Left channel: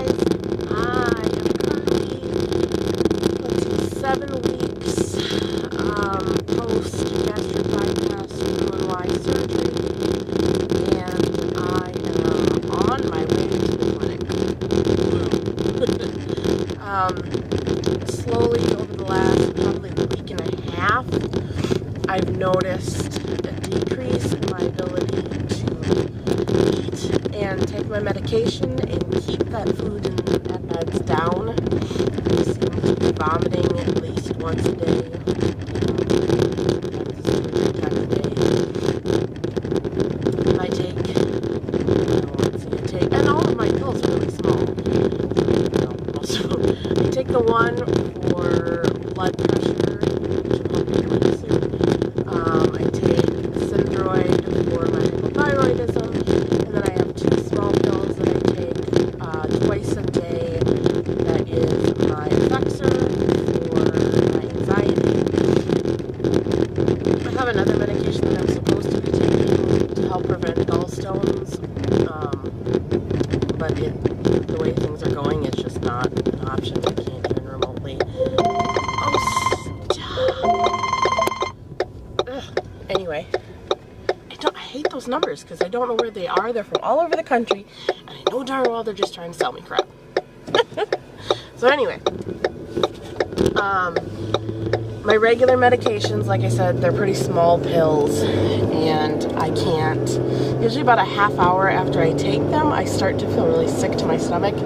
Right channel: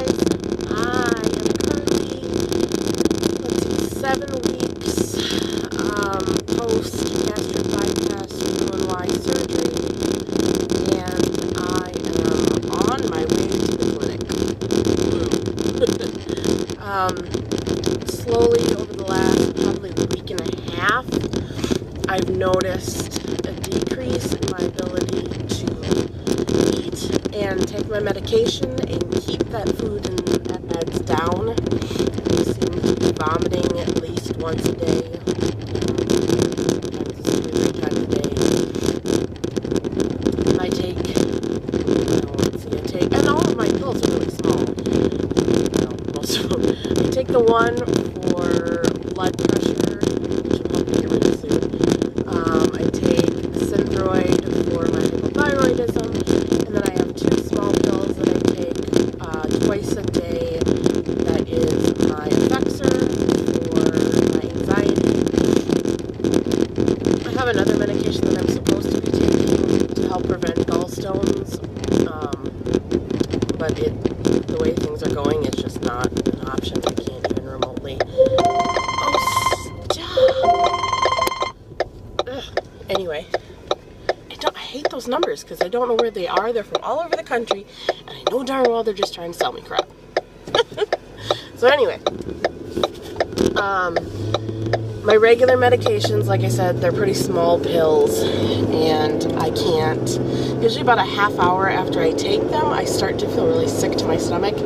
guys. I am currently, 7 weeks post-gastric bypass Roux-en-y surgery, and I am on my way to the clinic. Slowly over the last probably week and a half, I've noticed a decrease in my ability to eat and take my medication and keep that food and meds down. I seem to be vomiting at least once a day, sometimes 2 or 3 times a day. I take, and all of my pills are really small, most of them. I take the one for blood pressure, which will help me get really soon. I take Synthroid for my hypothyroidism, and then I have 2 small pills that I take twice a day. That is my Stricture for my anxiety. I have another medication that I'm supposed to be taking to help prevent gallstones, but the way things are going, it's just not an option. I can't even remotely. Oh, stop! Ugh. Anyway, I hate those numbers because I don't know where they are. They're from all over the country, and I know darn well they're just trying to sell me crap. So anyway, my regular medications, like I said, they're pretty small pills, and I can't, usually about a half hour after I take them, I start to feel really sick to my stomach,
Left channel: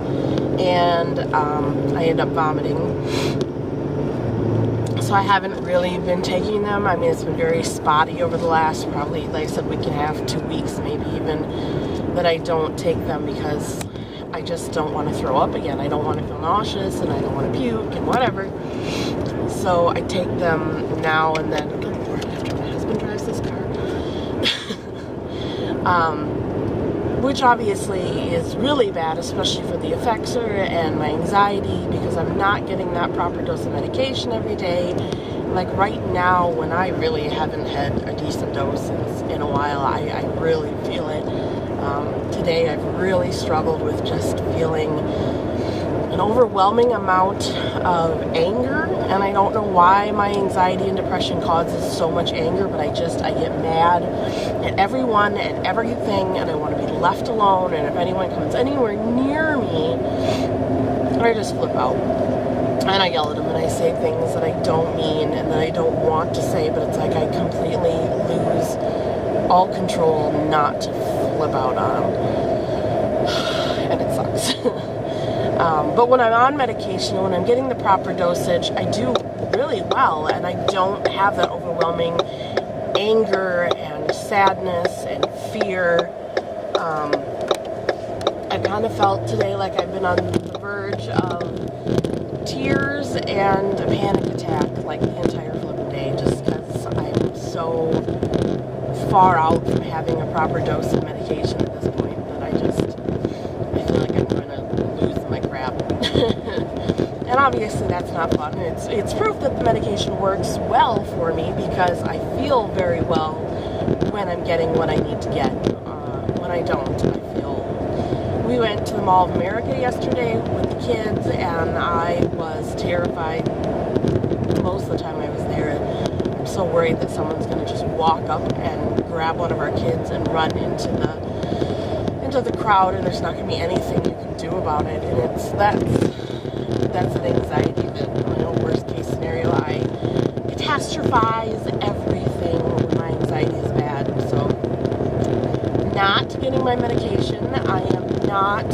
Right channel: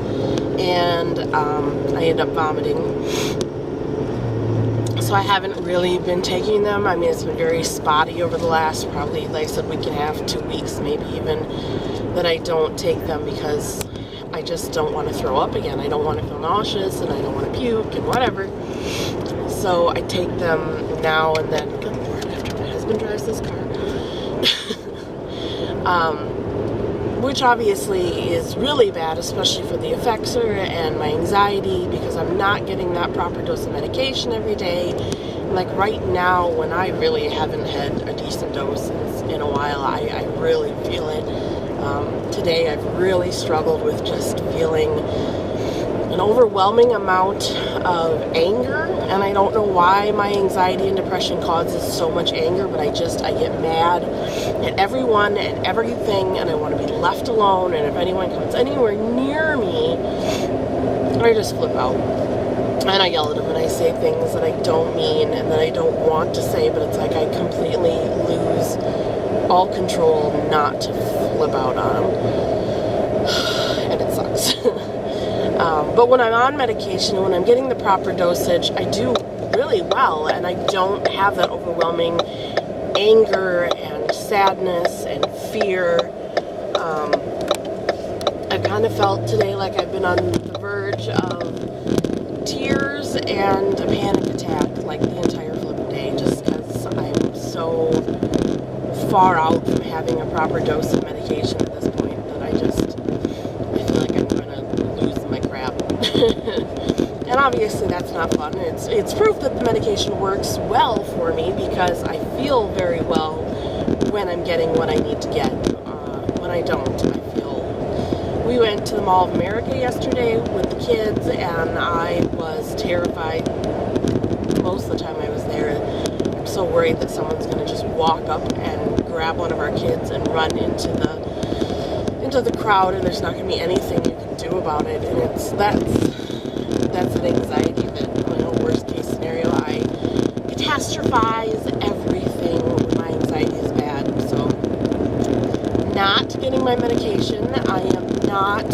and I end up vomiting. So I haven't really been taking them. I mean, it's been very spotty over the last probably, like I said, week and a half, 2 weeks maybe even, that I don't take them because I just don't want to throw up again. I don't want to feel nauseous, and I don't want to puke and whatever. So I take them now and then. Good Lord, after my husband drives this car. Which obviously is really bad, especially for the Stricture and my anxiety, because I'm not getting that proper dose of medication every day. Like right now, when I really haven't had a decent dose in a while, I really feel it. Today I've really struggled with just feeling an overwhelming amount of anger, and I don't know why my anxiety and depression causes so much anger, but I get mad at everyone and everything, and I want to be left alone, and if anyone comes anywhere near me, I just flip out, and I yell at them, and I say things that I don't mean, and that I don't want to say, but it's like I completely lose all control not to flip out on them, and it sucks. But when I'm on medication, when I'm getting the proper dosage, I do really well, and I don't have that overwhelming anger and sadness and fear. I kind of felt today like I've been on the verge of tears and a panic attack like the entire flipping day, just because I'm so far out from having a proper dose of medication at this point that I feel like I'm going to lose my crap. And obviously that's not fun. It's proof that the medication works well for me, because I feel very well when I'm getting what I need to get. When I don't, we went to the Mall of America yesterday with the kids, and I was terrified most of the time I was there. I'm so worried that someone's going to just walk up and grab one of our kids and run into the crowd, and there's not going to be anything you can do about it. And that's an anxiety that, worst case scenario, I catastrophize everything when my anxiety is bad. So not getting my medication. I am not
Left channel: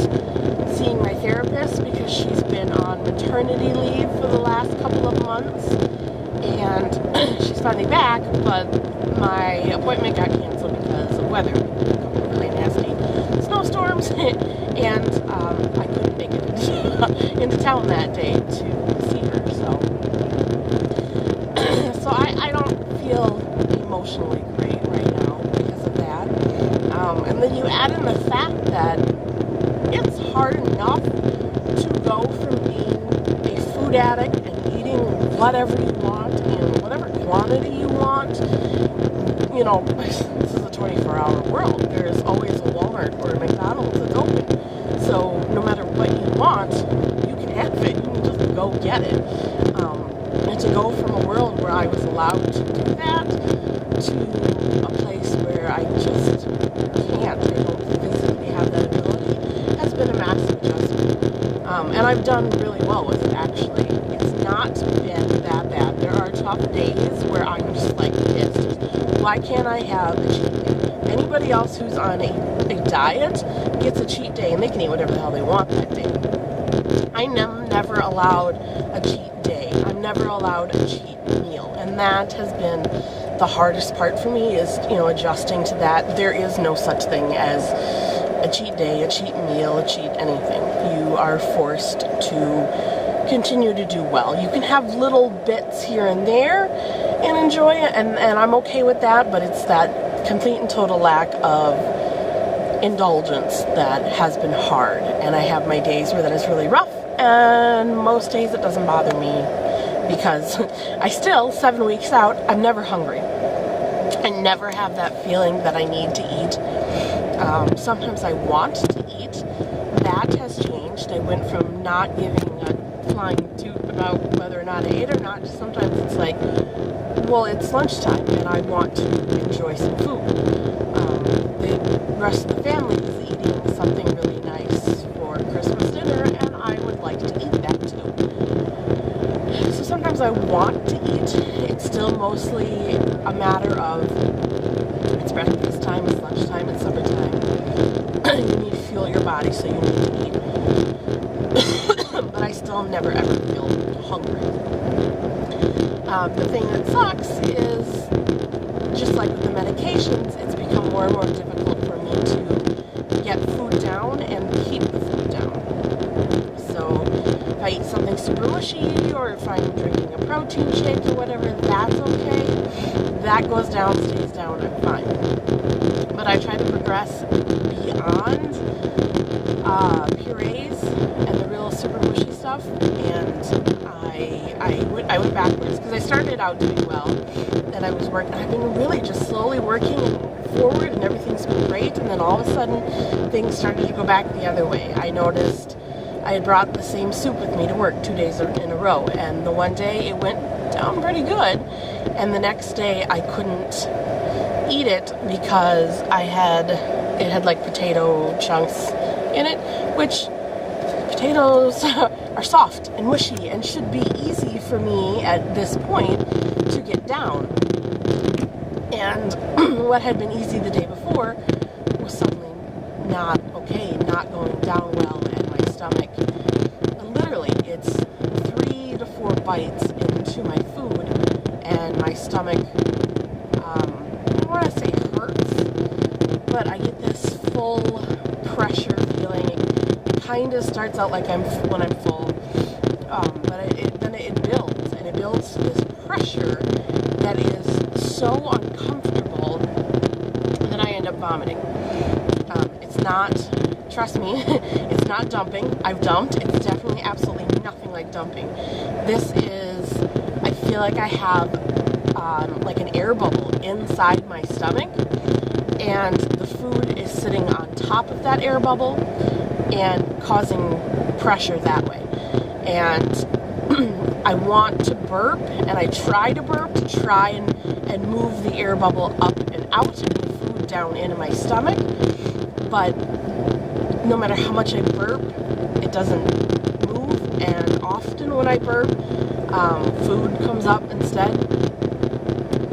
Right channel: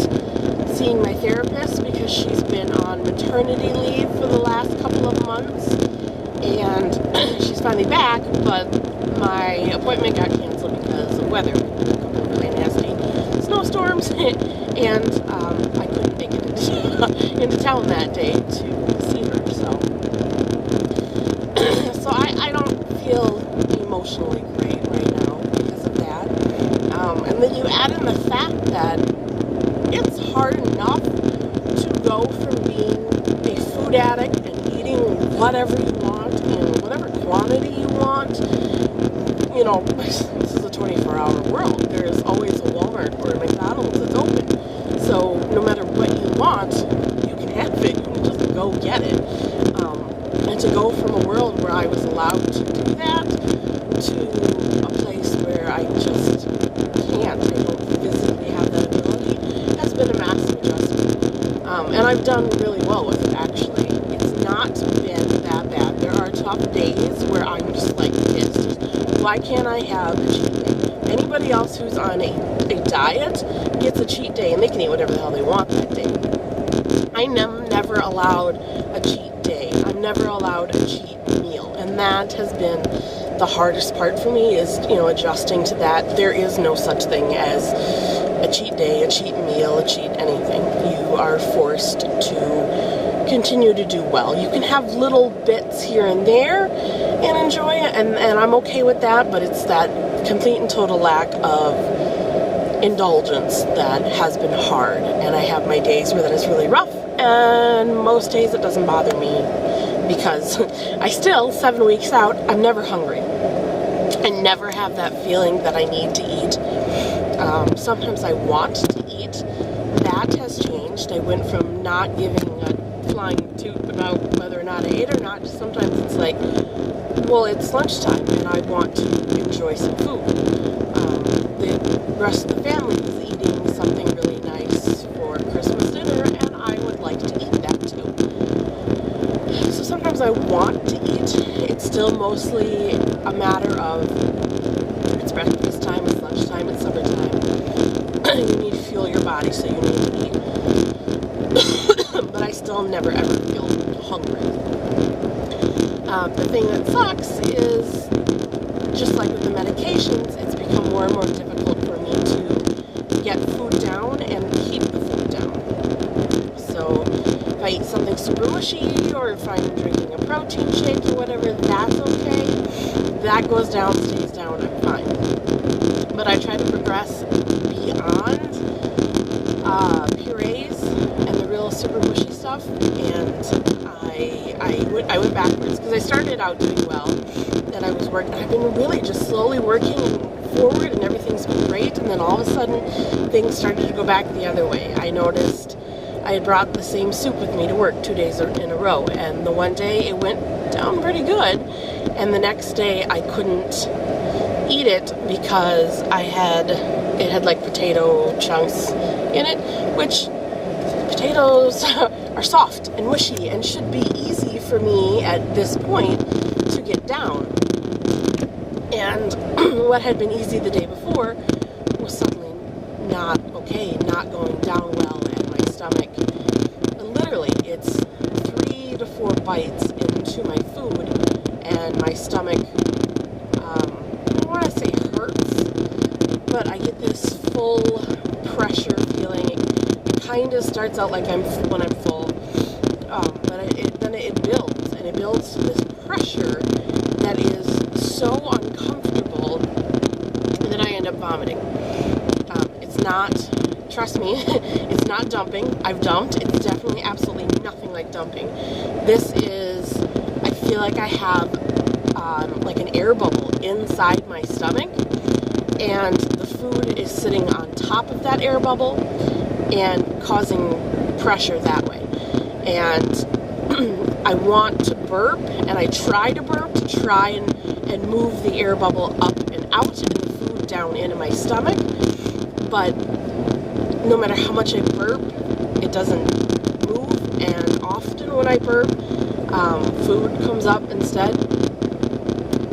seeing my therapist because she's been on maternity leave for the last couple of months, and she's finally back, but my appointment got canceled because of weather, a couple of really nasty snowstorms, and I couldn't make it into town that day to see her, so I don't feel emotionally great right now because of that. And then you add in the fact that it's hard enough to go from being a food addict and eating whatever you want in whatever quantity you want. This is a 24-hour world. There is always a Walmart or a McDonald's that's open. So no matter what you want, you can have it. You can just go get it. And to go from a world where I was allowed to do that to a place where I just can't, I don't physically have that ability, has been a massive adjustment. And I've done really well with it, actually. It's not been that bad. There are tough days where I'm just like pissed. Why can't I have a cheat day? Anybody else who's on a diet gets a cheat day, and they can eat whatever the hell they want that day. I'm never allowed a cheat day. I'm never allowed a cheat meal. And that has been the hardest part for me, is, adjusting to that. There is no such thing as a cheat day, a cheat meal, a cheat anything. You are forced to continue to do well. You can have little bits here and there and enjoy it, and I'm okay with that, but it's that complete and total lack of indulgence that has been hard. And I have my days where that is really rough, and most days it doesn't bother me, because I still, 7 weeks out, I'm never hungry. I never have that feeling that I need to eat. Sometimes I want to eat. That has changed. I went from not giving a flying toot about whether or not I ate or not, to sometimes it's like, well, it's lunchtime and I want to enjoy some food. The rest of the family is eating something really nice for Christmas dinner, and I would like to eat that too. So sometimes I want to eat. It's still mostly a matter of, it's breakfast time, it's lunchtime, it's supper time. You need to fuel your body, so you need to eat. But I still never ever feel hungry. The thing that sucks is, just like with the medications, it's become more and more difficult for me to get food down and keep the food down. So if I eat something super mushy, or if I'm drinking a protein shake or whatever, that's okay. That goes down, stays down, I'm fine. But I try to progress beyond purees and the real super mushy stuff, and I went backwards, because I started out doing well, and I was working. I've been really just slowly working forward, and everything's been great. And then all of a sudden, things started to go back the other way. I noticed I had brought the same soup with me to work 2 days in a row, and the one day it went down pretty good, and the next day I couldn't eat it because it had like potato chunks in it, which potatoes are soft and mushy and should be easy for me at this point to get down. And what had been easy the day before was suddenly not okay, not going down well, and my stomach, literally, it's 3 to 4 bites into my food, and my stomach, I don't want to say hurts, but I get this full pressure feeling. It kind of starts out like when I'm full, but then it builds, and it builds to this pressure that is so uncomfortable that I end up vomiting. It's not, trust me, it's not dumping. I've dumped. It's definitely absolutely nothing like dumping. This is, I feel like I have like an air bubble inside my stomach, and the food is sitting on top of that air bubble and causing pressure that way. And I want to burp, and I try to burp to try and move the air bubble up and out and the food down into my stomach, but no matter how much I burp, it doesn't move. And often when I burp, food comes up instead,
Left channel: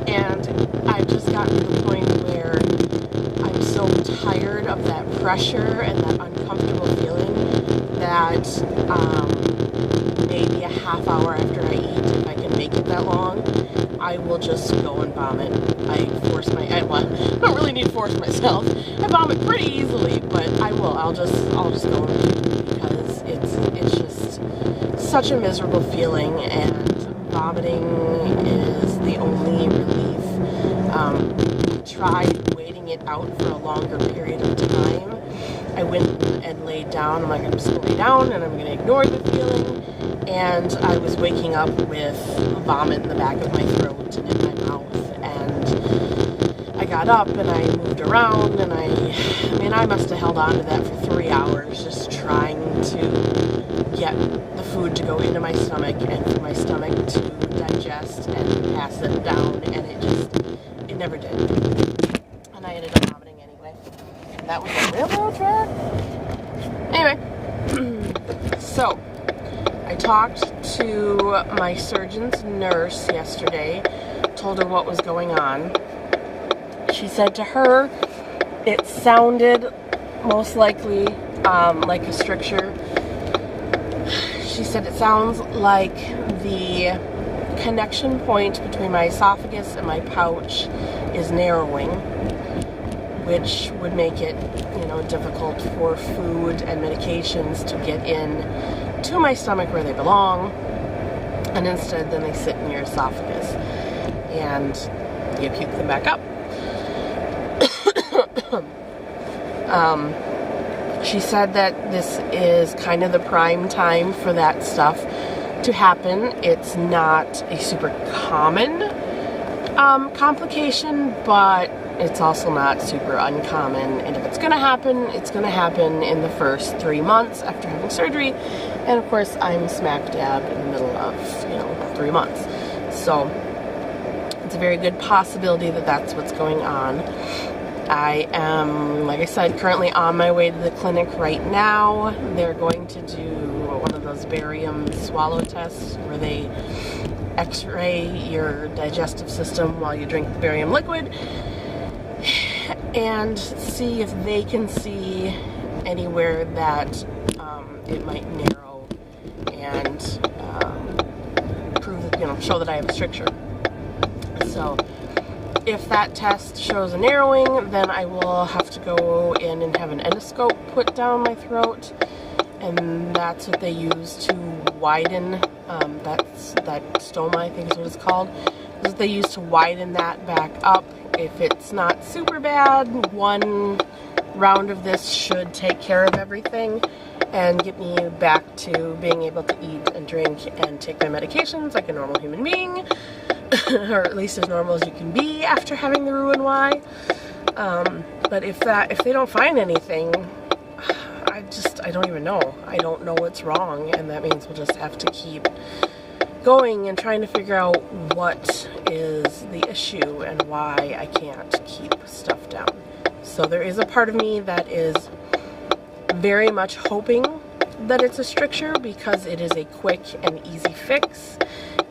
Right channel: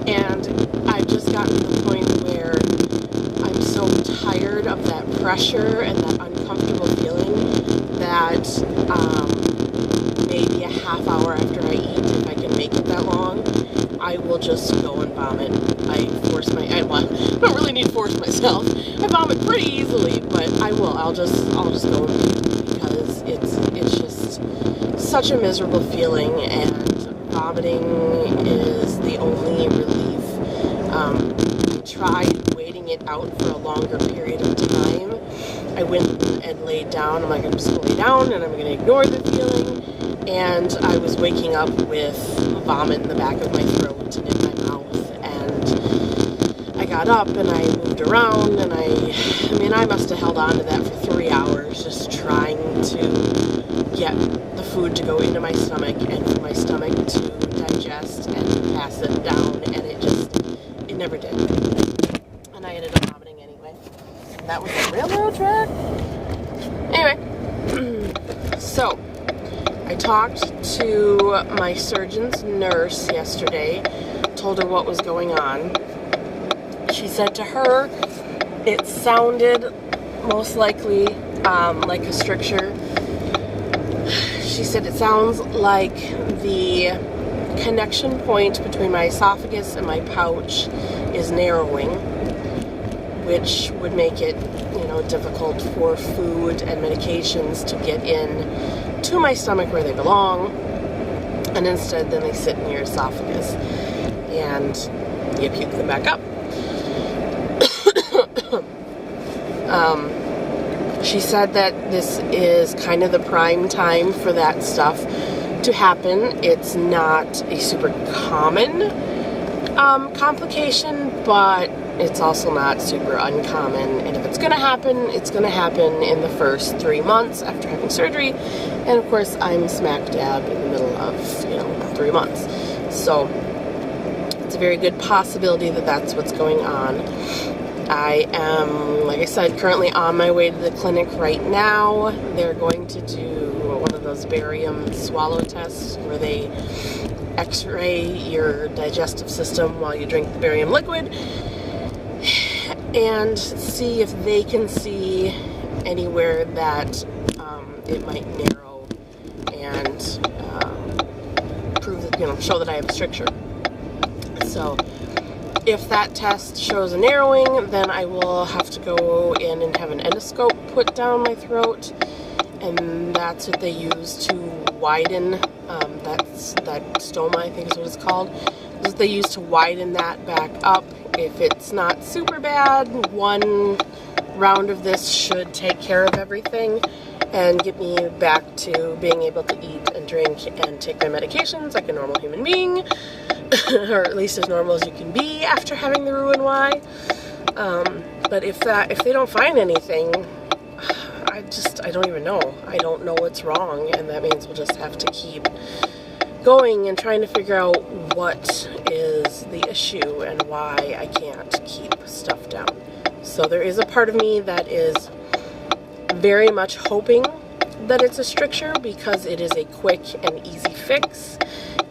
and I've just gotten to the point where I'm so tired of that pressure and that uncomfortable feeling that maybe a half hour after I eat, if I can make it that long, I will just go and vomit. I don't really need to force myself. I vomit pretty easily, but I will. I'll just go and puke, because it's just such a miserable feeling, and vomiting is the only relief. I tried waiting it out for a longer period of time. I went and laid down. I'm like, I'm just going to lay down, and I'm going to ignore the feeling. And I was waking up with vomit in the back of my throat and in my mouth, and I got up and I moved around, and I mean, I must have held on to that for 3 hours, just trying to get the food to go into my stomach and for my stomach to digest and pass it down, and it never did. And I ended up vomiting anyway. And that was a railroad track. Anyway, so I talked to my surgeon's nurse yesterday, told her what was going on. She said to her it sounded most likely like a stricture. She said it sounds like the connection point between my esophagus and my pouch is narrowing, which would make it, difficult for food and medications to get in to my stomach where they belong, and instead then they sit in your esophagus and you puke them back up. She said that this is kind of the prime time for that stuff to happen. It's not a super common complication, but it's also not super uncommon. And if it's going to happen, it's going to happen in the first 3 months after having surgery. And of course, I'm smack dab in the middle of, 3 months. So it's a very good possibility that that's what's going on. I am, like I said, currently on my way to the clinic right now. They're going to do one of those barium swallow tests where they x-ray your digestive system while you drink the barium liquid and see if they can see anywhere that it might narrow and prove that, show that I have a stricture. So if that test shows a narrowing, then I will have to go in and have an endoscope put down my throat, and that's what they use to widen that stoma, I think is what it's called. That's what they use to widen that back up. If it's not super bad, one round of this should take care of everything and get me back to being able to eat and drink and take my medications like a normal human being, or at least as normal as you can be after having the Roux-en-y. But if they don't find anything, I don't even know. I don't know what's wrong, and that means we'll just have to keep going and trying to figure out what is the issue and why I can't keep stuff down. So there is a part of me that is very much hoping that it's a stricture, because it is a quick and easy fix.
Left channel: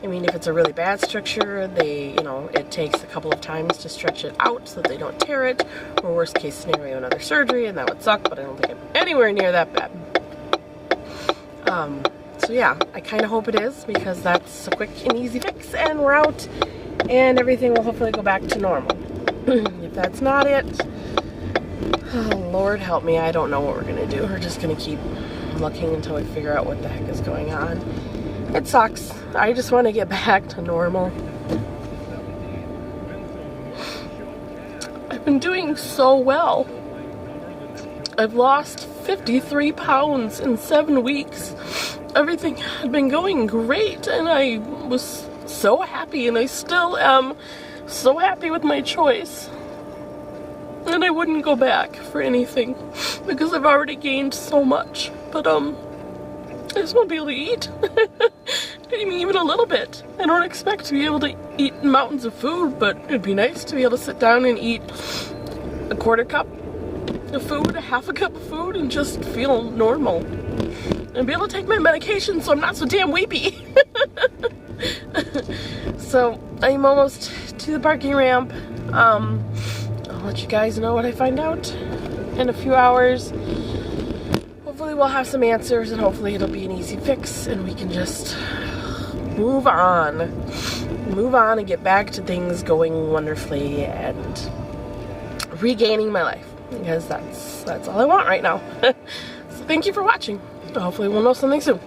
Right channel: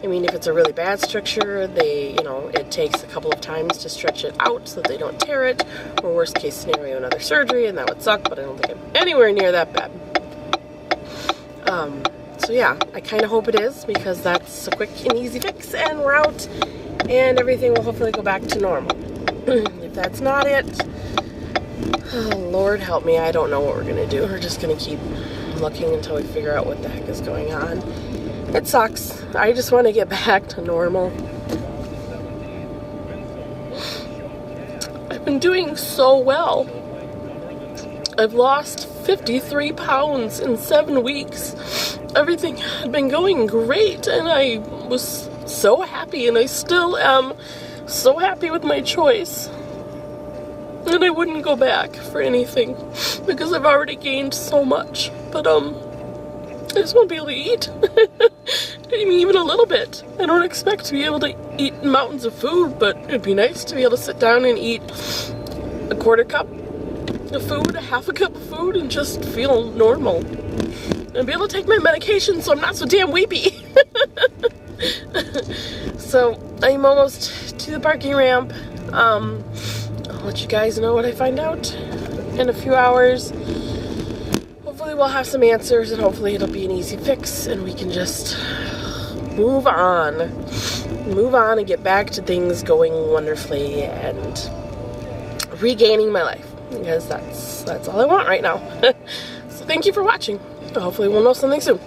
I mean, if it's a really bad stricture, it takes a couple of times to stretch it out so that they don't tear it, or worst case scenario, another surgery, and that would suck, but I don't think I'm anywhere near that bad. So yeah, I kind of hope it is, because that's a quick and easy fix, and we're out, and everything will hopefully go back to normal. If that's not it, oh, Lord help me, I don't know what we're going to do. We're just going to keep looking until we figure out what the heck is going on. It sucks. I just want to get back to normal. I've been doing so well. I've lost 53 pounds in 7 weeks. Everything had been going great, and I was so happy, and I still am so happy with my choice. And I wouldn't go back for anything, because I've already gained so much. But, I just want to be able to eat. I mean, even a little bit. I don't expect to be able to eat mountains of food, but it'd be nice to be able to sit down and eat a quarter cup of food, a half a cup of food, and just feel normal. And be able to take my medication so I'm not so damn weepy. So, I'm almost to the parking ramp. I'll let you guys know what I find out in a few hours. Hopefully we'll have some answers, and hopefully it'll be an easy fix, and we can just move on and get back to things going wonderfully and regaining my life, because that's all I want right now. So thank you for watching. Hopefully we'll know something soon.